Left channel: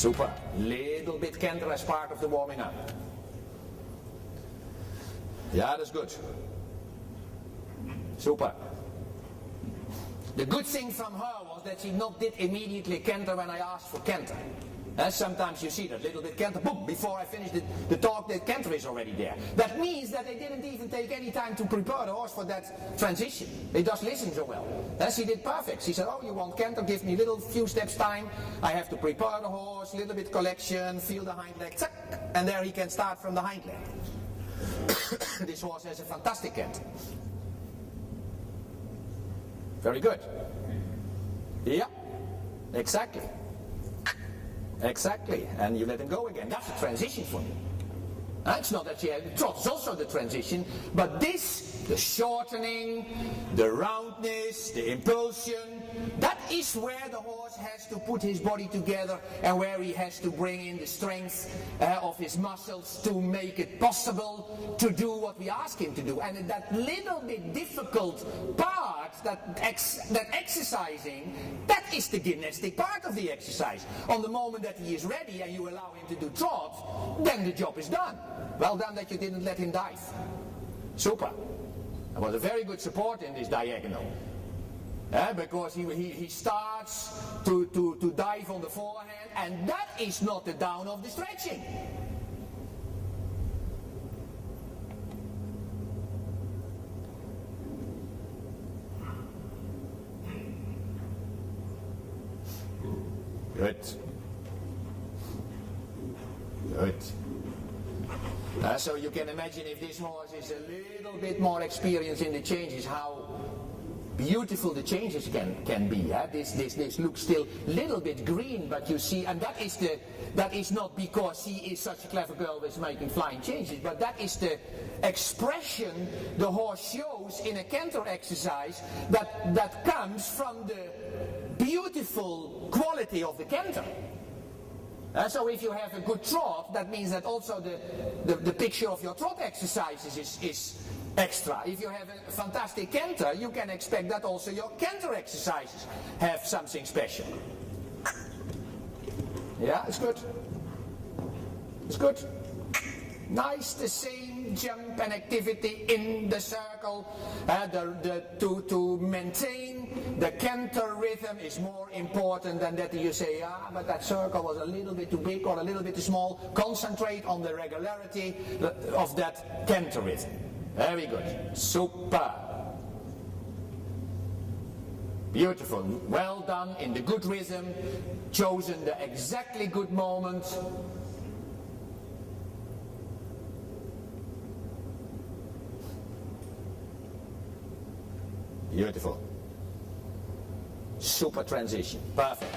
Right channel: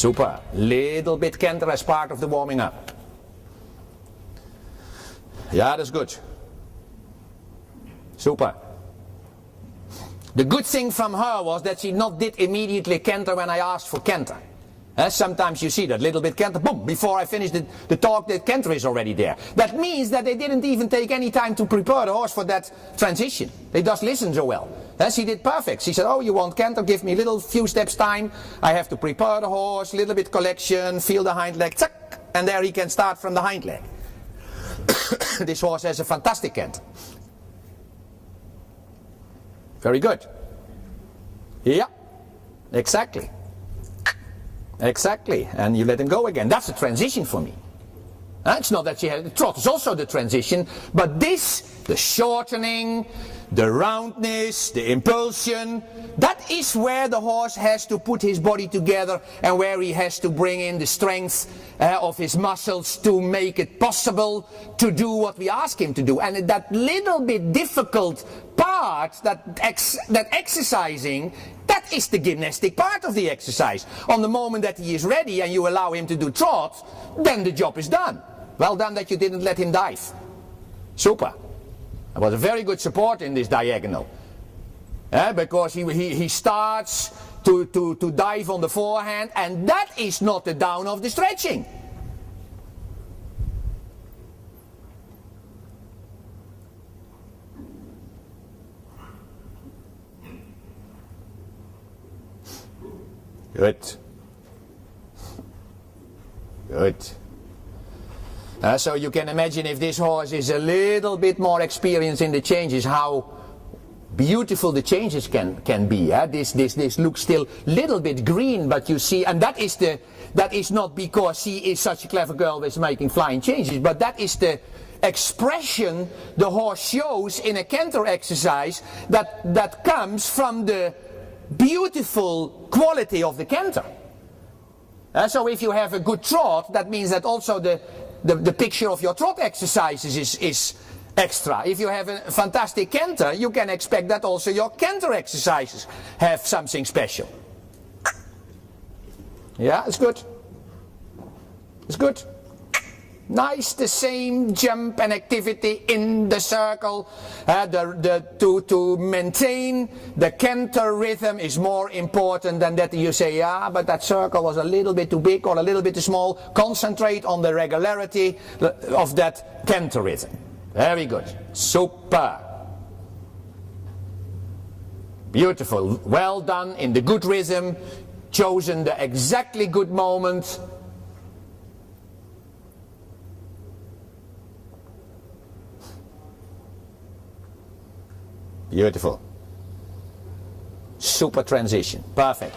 Super. Little bit canter as part of the warming up. Yeah, that's good. Super. The good thing from her was that she not did immediately canter when I asked for canter. Sometimes you see that little bit canter, boom, before I finish the talk, the canter is already there. That means that they didn't even take any time to prepare the horse for that transition. They just listened so well. She did perfect. She said, oh, you want canter, give me a little few steps time. I have to prepare the horse, little bit collection, feel the hind leg, zack, and there he can start from the hind leg. This horse has a fantastic canter. Very good. Yeah, exactly. Exactly, and you let him go again. That's a transition for me. It's not that she had the trot, it's also the transition, but this, the shortening, the roundness, the impulsion, that is where the horse has to put his body together and where he has to bring in the strength of his muscles to make it possible to do what we ask him to do. And that little bit difficult part, that exercising, that is the gymnastic part of the exercise. On the moment that he is ready and you allow him to do trot, then the job is done. Well done that you didn't let him dive. Super. That was a very good support in this diagonal. Because he starts to dive on the forehand, and that is not the down of the stretching. Good. Good. So you can imagine if this horse is a little bit more experienced in the changes, how beautiful the changes can be. This looks still a little bit green, but you see, and that is not because she is such a clever girl with making flying changes, but that is the expression the horse shows in a canter exercise that comes from the beautiful quality of the canter. So if you have a good trot, that means that also the picture of your trot exercises is extra. If you have a fantastic canter, you can expect that also your canter exercises have something special. Yeah, it's good. It's good. Nice, the same jump and activity in the circle. To maintain the canter rhythm is more important than that you say, yeah, but that circle was a little bit too big or a little bit too small. Concentrate on the regularity of that canter rhythm. Very good. Super. Beautiful. Well done in the good rhythm. Chosen the exactly good moment. Beautiful. Super transition. Perfect.